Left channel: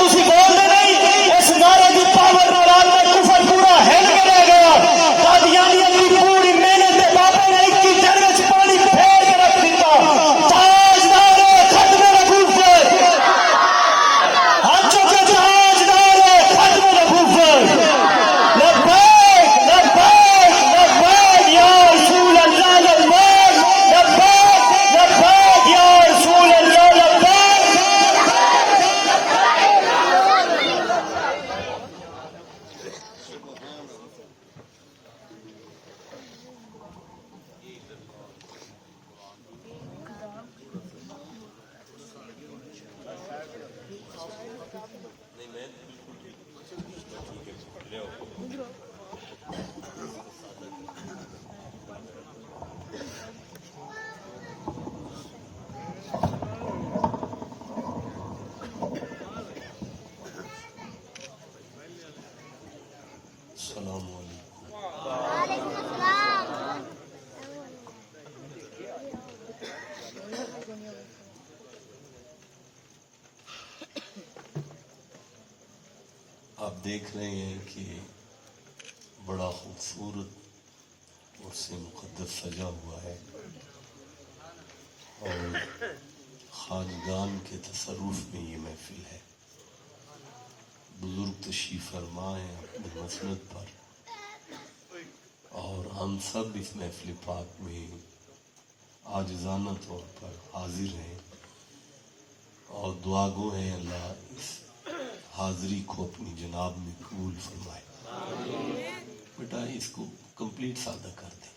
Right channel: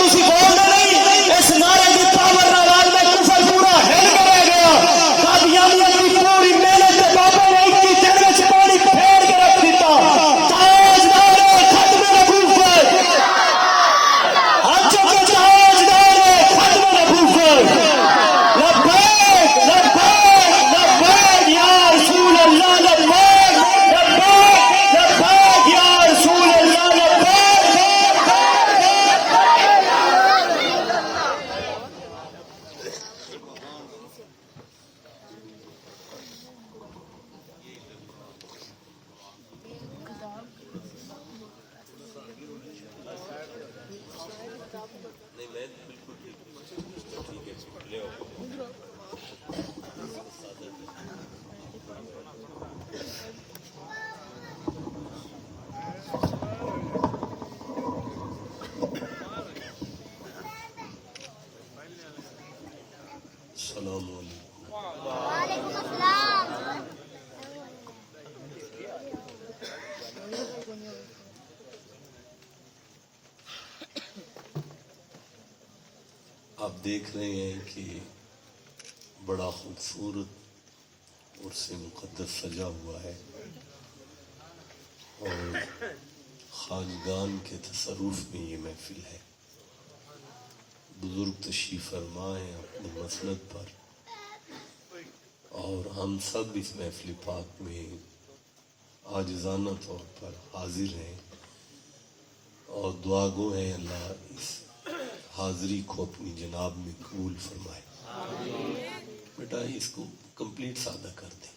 تسی بولتے نہیں اس نعرے کی پاور نال آج میں کفر پورا ہل کے رہ گیا قادیانیت کی پوری محنت کے بابا نے 21 دن میں پانی پھیر کے رکھ دیتا تاجدار ختم نبوت سے حج کے تاجدار ختم نبوت سے لبیک لبیک لبیک یا رسول اللہ لبیک لبیک لبیک یا رسول اللہ لبیک. السلام علیکم. وعلیکم السلام. آپ دیکھ رہے ہیں کہ بڑا خوبصورت اور سے مقدس سجا ہوا ہے اور خاندان کے تصرف میں یہ محفل ہے. بزرگ تشریف فرما ہیں اپنی مسند پر اور ہم سب اس محفل پاک میں عاجزانہ طور پر حاضر ہیں اور دعا گو ہیں اللہ اس حاضری کو اپنی جناب میں قبول فرمائے. بیٹا اس کو کمپلیٹ سادہ کر دیں.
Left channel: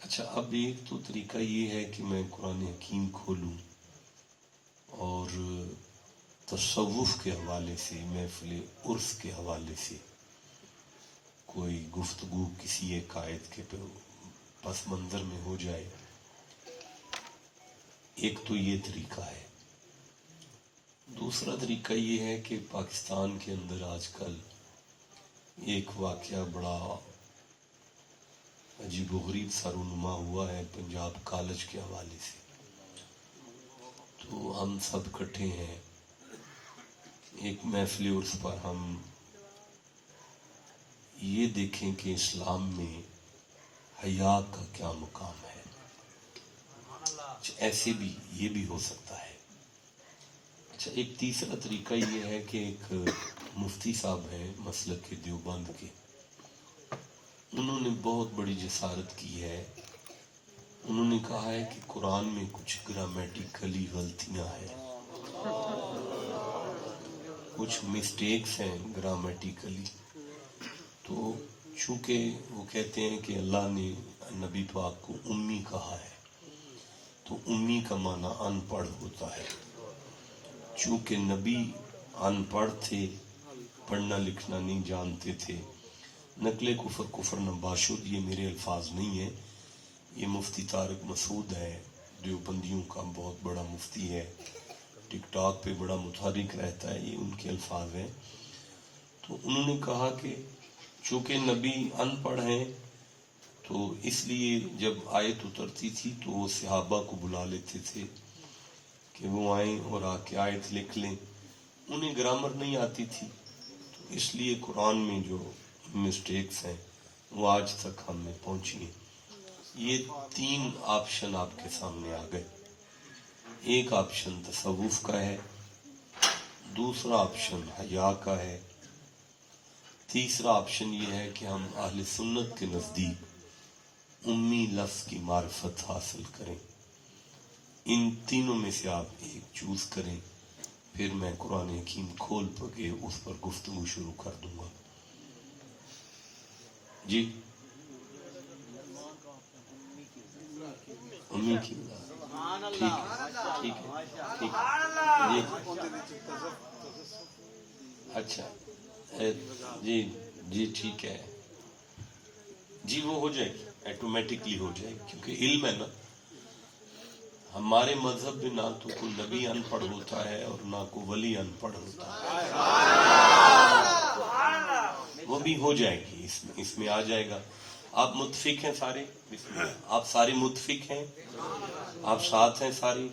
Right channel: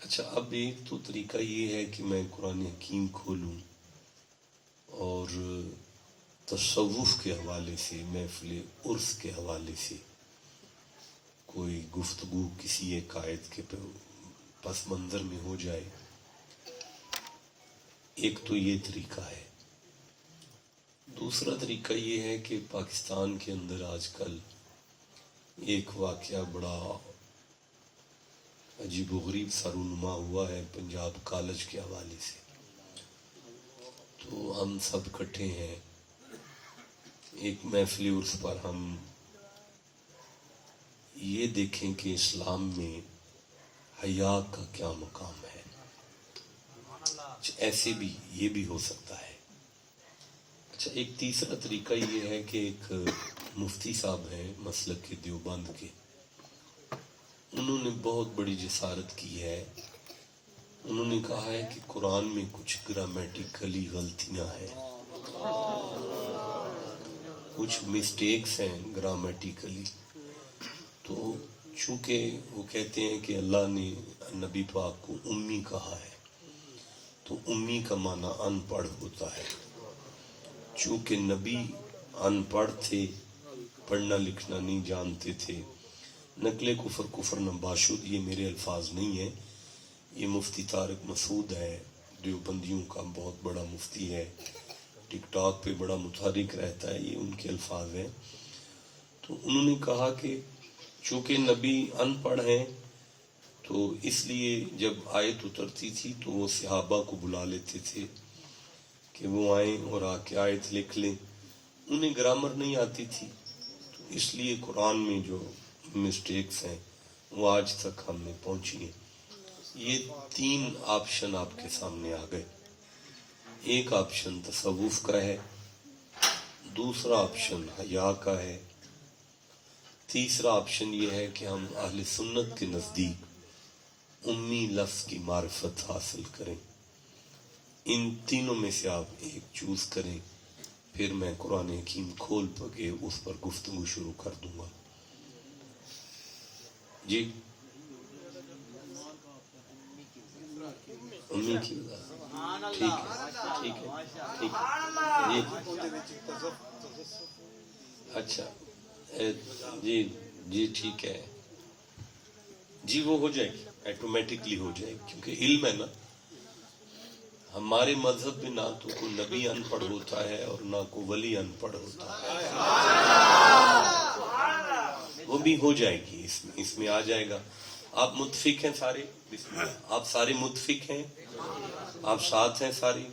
اچھا اب ایک تو طریقہ یہ ہے کہ میں قرآن حکیم کھولوں اور تصوف کے حوالے سے محفل عرس کے حوالے سے کوئی گفتگو کسی ایک آیت کے پس منظر میں ہو جائے. ایک تو یہ طریقہ ہے. دوسرا طریقہ یہ ہے کہ پاکستان کے اندر آج کل ایک واقعہ بڑا عجیب و غریب سا رونما ہوا ہے پنجاب کالج کے حوالے سے. تو ہم سب اکٹھے ہیں ایک محفل عرس پر. ہم یہ دیکھیں کہ اسلام میں حیا کا کیا مقام ہے. ایسے بھی یہ بھی ہو سکتا ہے. اچھا ایک تیسرا طریقہ یہ ہے کہ ایک مفتی صاحب ہیں مسلک کے دیوبند کے, انہوں نے بہت بڑی جسارت کی ہے. انہوں نے کہا ہے کہ قرآن میں کچھ گرامیٹیکلی غلطیاں ہیں, کچھ مسٹیکس ہیں گرامیٹیکلی. تو چونکہ وہ کہتے ہیں کہ اللہ نے نبی پاک کو امی کہا ہے تو امی کا معنی ان پڑھ ہوتا ہے. چونکہ نبی ان پڑھ تھے, پڑھنا لکھنا نہیں جانتے تھے. نقل کفر کفر نباشد یہ میرے الفاظ نہیں ہیں, یہ مفتی طارق مسعود ہے دیوبندیوں کا بہت بڑا مفتی ہے, ٹک ٹاک پہ بڑا متحرک رہتا ہے, یہ ان کے الفاظ ہیں. تو انہوں نے کہا کہ چونکہ نبی ان پڑھ ہیں تو اس لیے جب آیت اترتی تھی تو وہ صحابہ کو بلا لیتے تھے کہ وہ آئیں اور آ کے آیت لکھ لیں. انہیں گرامر نہیں آتی تھی تو اس لیے قرآن میں جو مسٹیکس ہیں وہ آج تک ہم نے پہنچی ہیں. یہ 3 آپشن آپ کے سامنے آ گئے. ایک آپشن تصوف کا ہے, دوسرا آپشن حیا کا ہے, تیسرا آپشن یہ ہے کہ ہم اہل سنت کے نزدیک امی لفظ کی معرفت حاصل کریں. ان تینوں میں سے آپ ایک چوز کریں, پھر میں قرآن حکیم کھول کے اس پر گفتگو شروع کر دوں گا. جی امی کی ٹھیک ہے ٹھیک ہے ٹھیک ہے جی اچھا جی جی ٹھیک ہے جی وہ ہو جائے گی ایٹومیٹکلی ہو جائے گی کیونکہ علم ہے نا. ہمارے مذہب میں نہ تو کوئی نبی ان پڑھ ہوتا ہے اور نہ کوئی ولی ان پڑھ ہوتا ہے. وہ بھی ہو جائے گی, اس میں آ جائے گا. آپ متفق ہیں سارے؟ بسم اللہ. آپ سارے متفق ہیں؟ آپ ساتھ ہیں ساری؟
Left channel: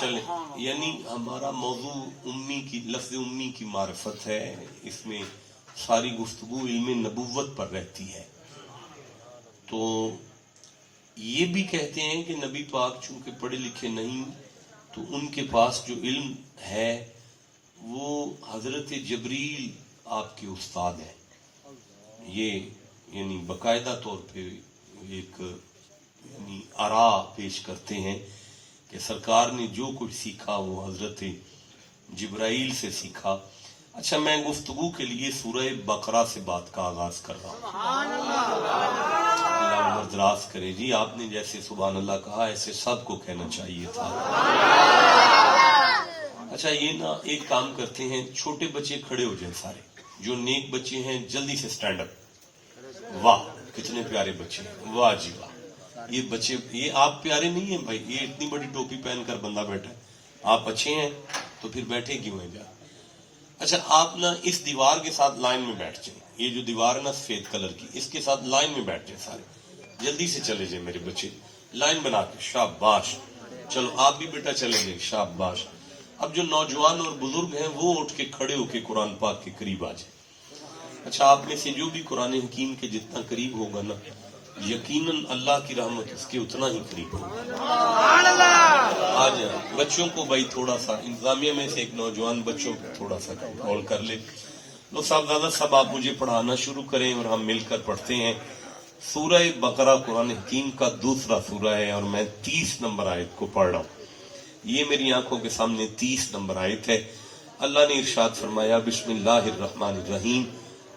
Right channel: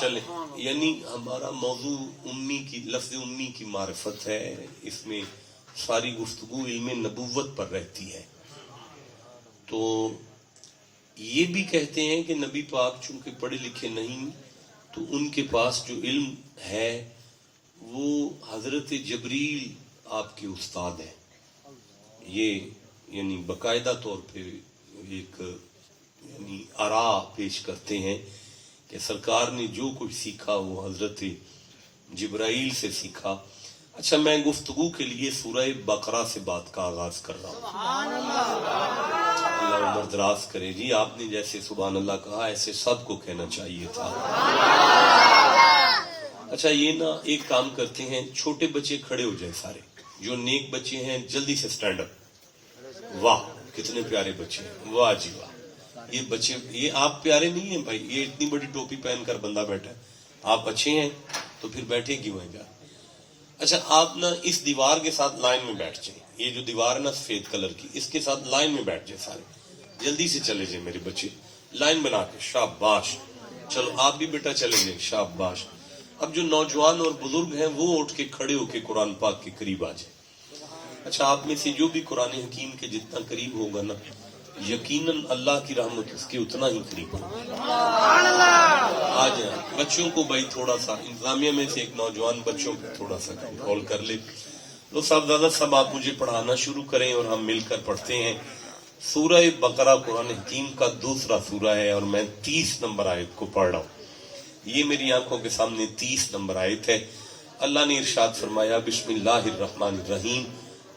چلیں، یعنی ہمارا موضوع امی کی، لفظ امی کی معرفت ہے. اس میں ساری گفتگو علم نبوت پر رہتی ہے. تو یہ بھی کہتے ہیں کہ نبی پاک چونکہ پڑھے لکھے نہیں تو ان کے پاس جو علم ہے وہ حضرت جبریل آپ کے استاد ہیں. یہ یعنی باقاعدہ طور پہ ایک یعنی آرا پیش کرتے ہیں کہ سرکار نے جو کچھ سیکھا وہ حضرت جبرائیل سے سیکھا. اچھا، میں گفتگو کے لیے سورہ بقرہ سے بات کا آغاز کر رہا ہوں. اللہ عمر دراز کرے. جی آپ نے جیسے سبحان اللہ کہا ایسے سب کو کہنا چاہیے تھا. اچھا، یہ نا ایک کام کرتے ہیں، چھوٹے بچے کھڑے ہو جائیں سارے، جو نیک بچے ہیں جلدی سے سٹینڈ اپ. واہ کتنے پیارے بچے ہیں، واہ جی واہ. یہ بچے، یہ آپ پیارے نہیں ہیں بھائی، یہ اتنی بڑی ٹوپی پہن کر بندہ بیٹھا ہے. آپ اچھے ہیں تو پھر بیٹھے کیوں ہیں جا. اچھا آپ نا اس دیوار کے ساتھ لائن میں بیٹھ جائیں. یہ جو دیوار ہے نا سفید کلر کی، اس کے ساتھ لائن میں بیٹھ جائیں سارے. جلدی سے چلے جائیں میرے بچے، لائن بنا کے. شاباش. چلو آپ بھی بیٹا چلے جائیں. شاباش. اب جو نوجوان اور بزرگ ہیں وہ اٹھ کے کھڑے ہو کے قرآن پاک کے قریب آ جائیں. اچھا آپ میں سے جو بھی قرآن حکیم کے جتنا قریب ہوگا نا یقیناً اللہ کی رحمت اس کے اتنا ہی قریب ہوگا. آ جائیں بچوں کو بھائی تھوڑا سا انتظامیہ میں سے ایک نوجوان بچوں کو تھوڑا سا کنٹرول کر لے. تو صاحبزادہ صاحب آپ مجھے پڑھانا شروع کریں اور ہم مل کر پڑھتے ہیں. سورہ بقرہ قرآن حکیم کا دوسرا سورہ ہے اور میں 30 نمبر آیت کو پڑھ رہا ہوں. یہ میری آنکھوں کے سامنے 30 نمبر آیت ہے. اللہ نے ارشاد فرمایا بسم اللہ الرحمن الرحیم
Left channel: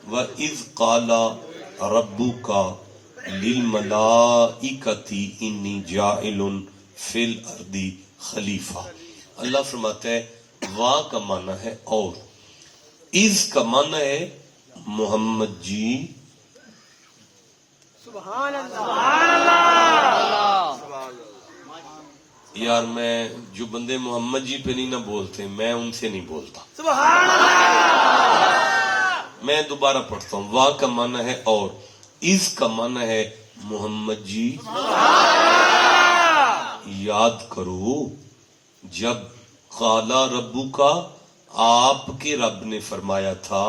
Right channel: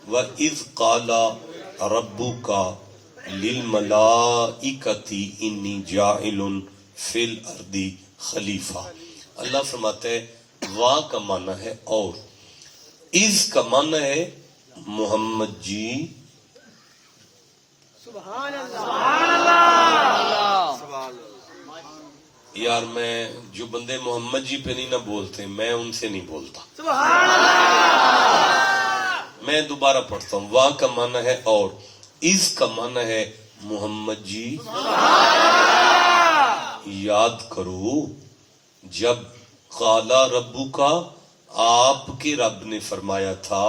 وَإِذْ قَالَ رَبُّكَ لِلْمَلَائِكَةِ إِنِّي جَاعِلٌ فِي الْأَرْضِ خلیفہ. اللہ فرماتا ہے وا کا معنی ہے اور، از کا معنی ہے محمد جی. سبحان اللہ. یار میں جو بندے محمد جی پہ نہیں نہ بولتے میں ان سے نہیں بولتا. میں دوبارہ پڑھتا ہوں. وا کا معنی ہے اور، از کا معنی ہے محمد جی یاد کرو جب قالا ربو کا آپ کے رب نے فرمایا تھا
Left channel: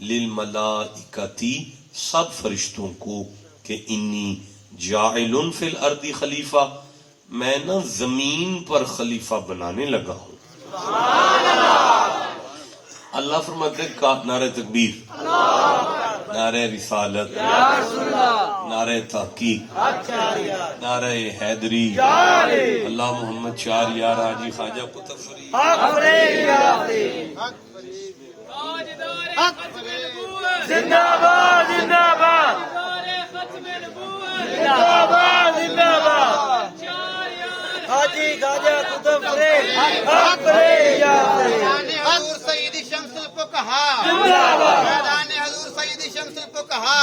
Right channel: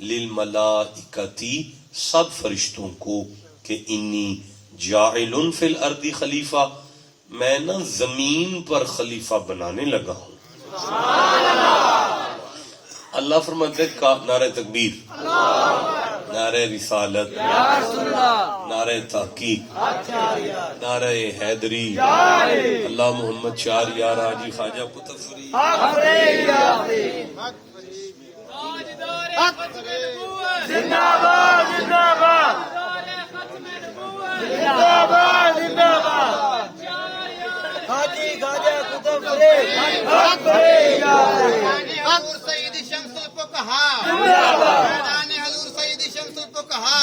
للملائکتی سب فرشتوں کو کہ انی جاعل فی الارض خلیفہ، میں نا زمین پر خلیفہ بنانے لگا ہوں. اللہ فرماتے ہیں نعرہ تکبیر، نعرہ رسالت، نعرہ تحقیق، نعرہ حیدری، اللہ محمد 4 یار حاجی خواجہ قطب فرید. حضور سید شمس کو کہا، حضور سید شمس کو کہا.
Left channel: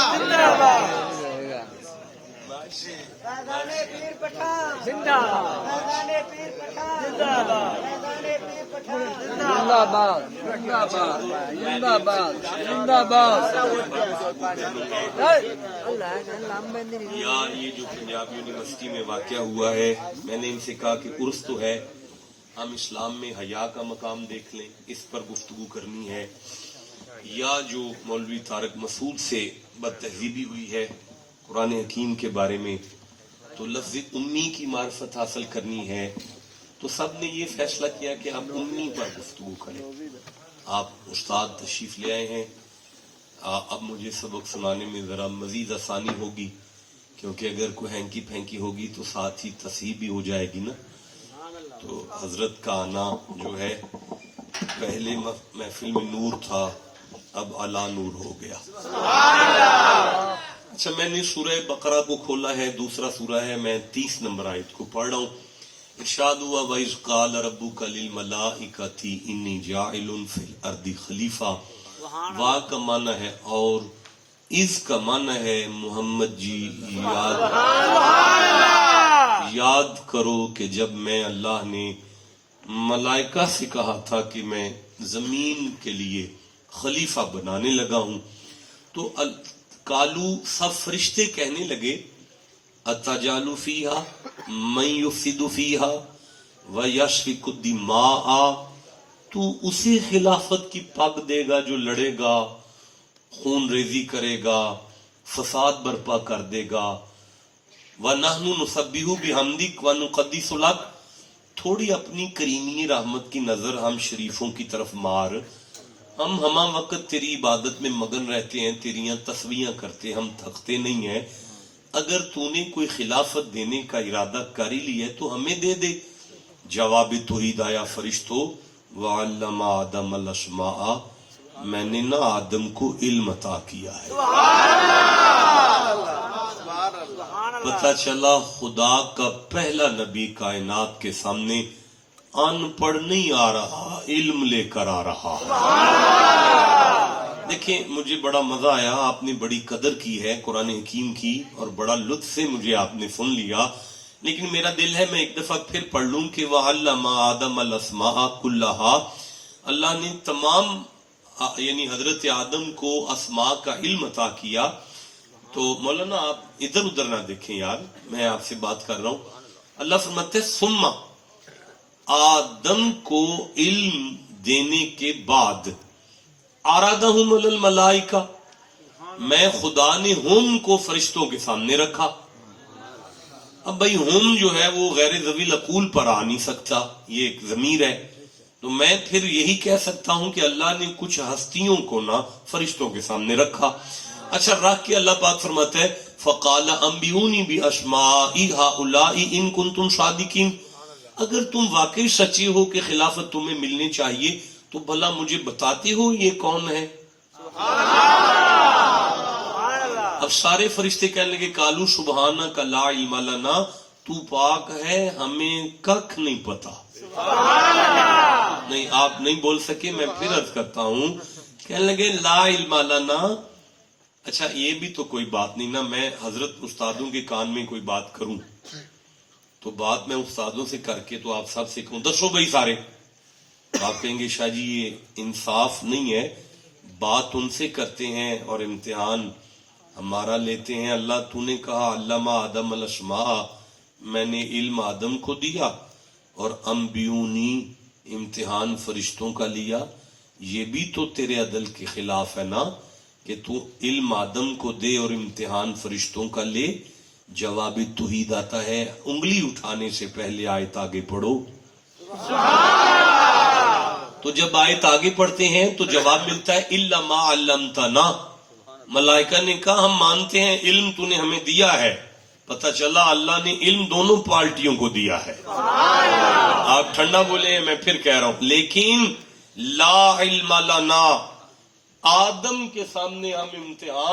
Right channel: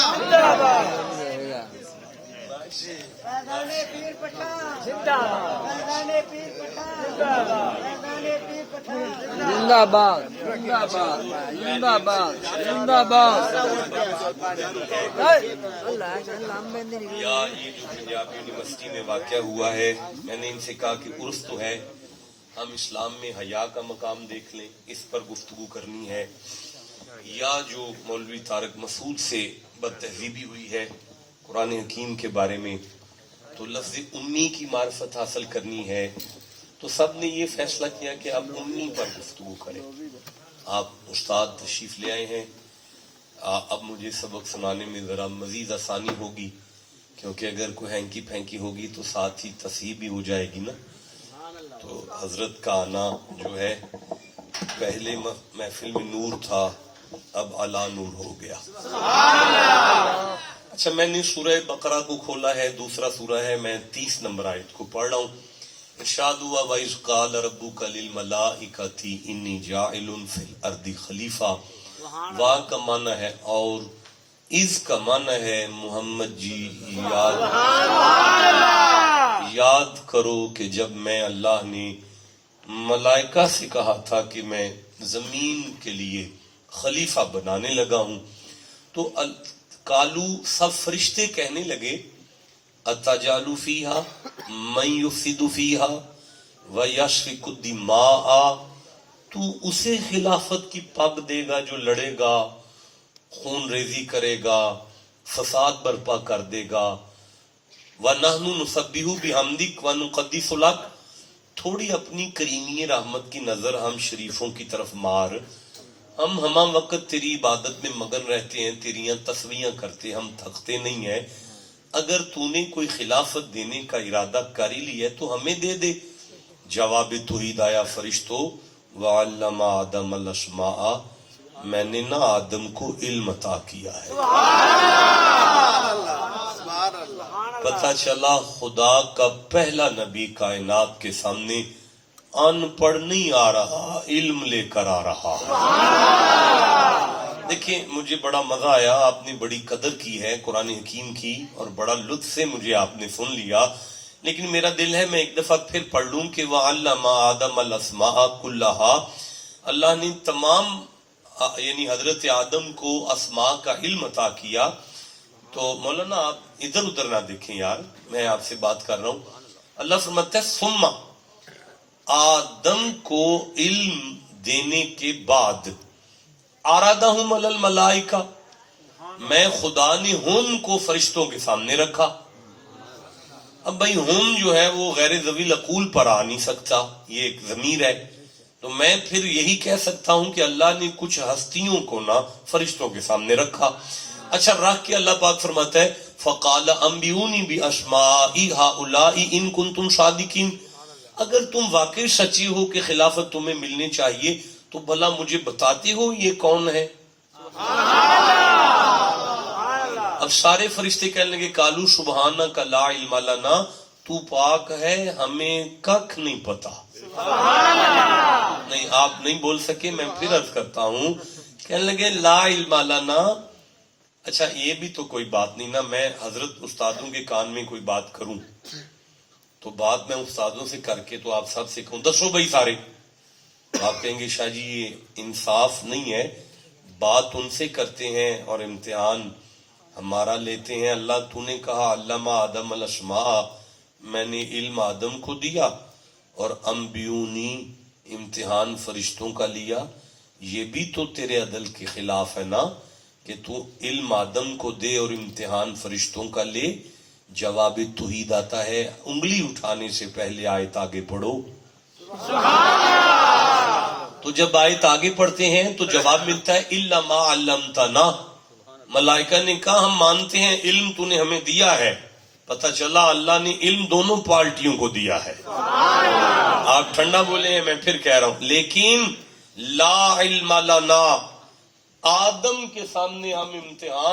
زندہ باد زندہ باد زندہ باد زندہ باد. یا یہ جو پنجاب یونیورسٹی میں واقعہ ہوا ہے، میں نے ان سے کہا کہ عرس تو ہے، ہم اسلام میں حیا کا مقام دیکھ لیں، اس پر گفتگو کرنی ہے. یا جو مولوی طارق مسعود سے بد تہذیبی ہوئی ہے قرآن حکیم کے بارے میں، تو لفظ امی کی معرفت حاصل کرنی ہے، تو سب نے یہ فیصلہ کیا کہ آپ امی پر گفتگو کریں. آپ استاد تشریف لے آئے ہیں، اب مجھے سبق سنانے میں ذرا مزید آسانی ہوگی، کیونکہ اگر کوئی ہینکی پھینکی ہوگی تو ساتھ ہی تصحیح بھی ہو جائے گی نا. تو حضرت کا آنا جو ہے، پہلے محفل میں نور تھا اب اعلیٰ نور ہو گیا. اچھا میں نے سورہ بقرہ کو کھولا ہے، دوسرا سورہ ہے، میں 30 نمبر آیت کو پڑھ رہا ہوں. ارشاد ہوا وَإِذْ قَالَ رَبُّكَ لِلْمَلَائِكَةِ إِنِّي جَاعِلٌ فِي الْأَرْضِ خلیفہ. وا کا معنی ہے اور، از کا معنی ہے محمد جی یاد کرو کہ جب میں اللہ نے ملائکہ سے کہا تھا کہ میں زمین کے لیے خلیفہ بنانے لگا ہوں، تو کالو سب فرشتے کہنے لگے اتجالو فیہا من یفسد فیہا ویسفک الدماء، تو اسے خلافت کی پگ دے گا جو لڑے گا، خون ریزی کرے گا، فساد برپا کر دے گا، وَنَحْنُ نُسَبِّحُ بِحَمْدِكَ وَنُقَدِّسُ لَكَ، تھوڑی اپنی کریمی رحمت کی نظر ہم شریفوں کی طرف مار، ہم ہمہ وقت تیری عبادت میں مگن رہتے ہیں، تیریاں تسبیحاں کرتے، ہم تھکتے نہیں ہیں، اگر تو نے کوئی خلافت دینے کا ارادہ کر ہی لیا ہے تو ہمیں دے دے۔ جواب توحید آیا فرشتوں وَعَلَّمَ آدَمَ الْأَسْمَاءَ، میں نے نہ آدم کو علم عطا کیا ہے۔ پتہ چلا خدا کا پہلا نبی کائنات کے سامنے ان پڑھ نہیں آ رہا، علم لے کر آ رہا۔ دیکھیں مجھے بڑا مزہ آیا، آپ نے بڑی قدر کی ہے قرآن حکیم کی اور بڑا لطف سے مجھے آپ نے سن لیا، لیکن میرا دل ہے میں ایک دفعہ پھر پڑھ لوں کہ وَعَلَّمَ آدَمَ الْأَسْمَاءَ كُلَّهَا، اللہ نے تمام یعنی حضرت آدم کو اسماء کا علم عطا کیا۔ تو مولانا آپ ادھر ادھر نہ دیکھیں یار، میں آپ سے بات کر رہا ہوں۔ اللہ فرماتا ہے ثم، آدم کو علم دینے کے بعد ارادہم علی الملائکہ، میں خدا نے ہم کو فرشتوں کے سامنے رکھا۔ اب بھائی ہم جو ہے وہ غیر ذوی العقول پر آ نہیں سکتا، یہ ایک ضمیر ہے، تو میں پھر یہی کہہ سکتا ہوں کہ اللہ نے کچھ ہستیوں کو نہ فرشتوں کے سامنے رکھا۔ اچھا رکھ کے اللہ پاک فرماتا ہے فقال انبئونی باسماء ہؤلاء ان کنتم صادقین، اگر تم واقعی سچے ہو کہ خلافت تمہیں ملنی چاہیے تو بھلا مجھے بتاتے ہو یہ کون ہے؟ اب سارے فرشتے کہنے لگے کالو سبحانک لا علم لنا، تو پاک ہے ہمیں ککھ نہیں پتا۔ نہیں آپ نہیں بول سکے، میں پھر عرض کرتا ہوں، کہنے لگے لا علم لنا۔ اچھا یہ بھی تو کوئی بات نہیں نا، میں حضرت استادوں کے کان میں کوئی بات کروں تو بات میں استادوں سے کر کے تو آپ سب سے کہوں دسو بھائی سارے، آپ کہیں گے شاہ جی یہ انصاف نہیں ہے، بات ان سے کرتے ہیں اور امتحان ہمارا لیتے ہیں۔ اللہ تو نے کہا علم آدم الاسماء، میں نے علم آدم کو دیا، اور انبیونی امتحان فرشتوں کا لیا، یہ بھی تو تیرے عدل کے خلاف ہے نا کہ تو علم آدم کو دے اور امتحان فرشتوں کا لے۔ جواب توحید آتا ہے انگلی اٹھانے سے پہلے آیت آگے پڑھو۔ تو جب آیت آگے پڑھتے ہیں تو جواب ملتا ہے الا ما علمتنا، ملائکہ نے کہا ہم مانتے ہیں علم تو نے ہمیں دیا ہے۔ پتہ چلا اللہ نے علم دونوں پارٹیوں کو دیا ہے۔ آپ ٹھنڈا بولے میں پھر کہہ رہا ہوں، لیکن لا علم لنا، آدم کے سامنے ہم امتحان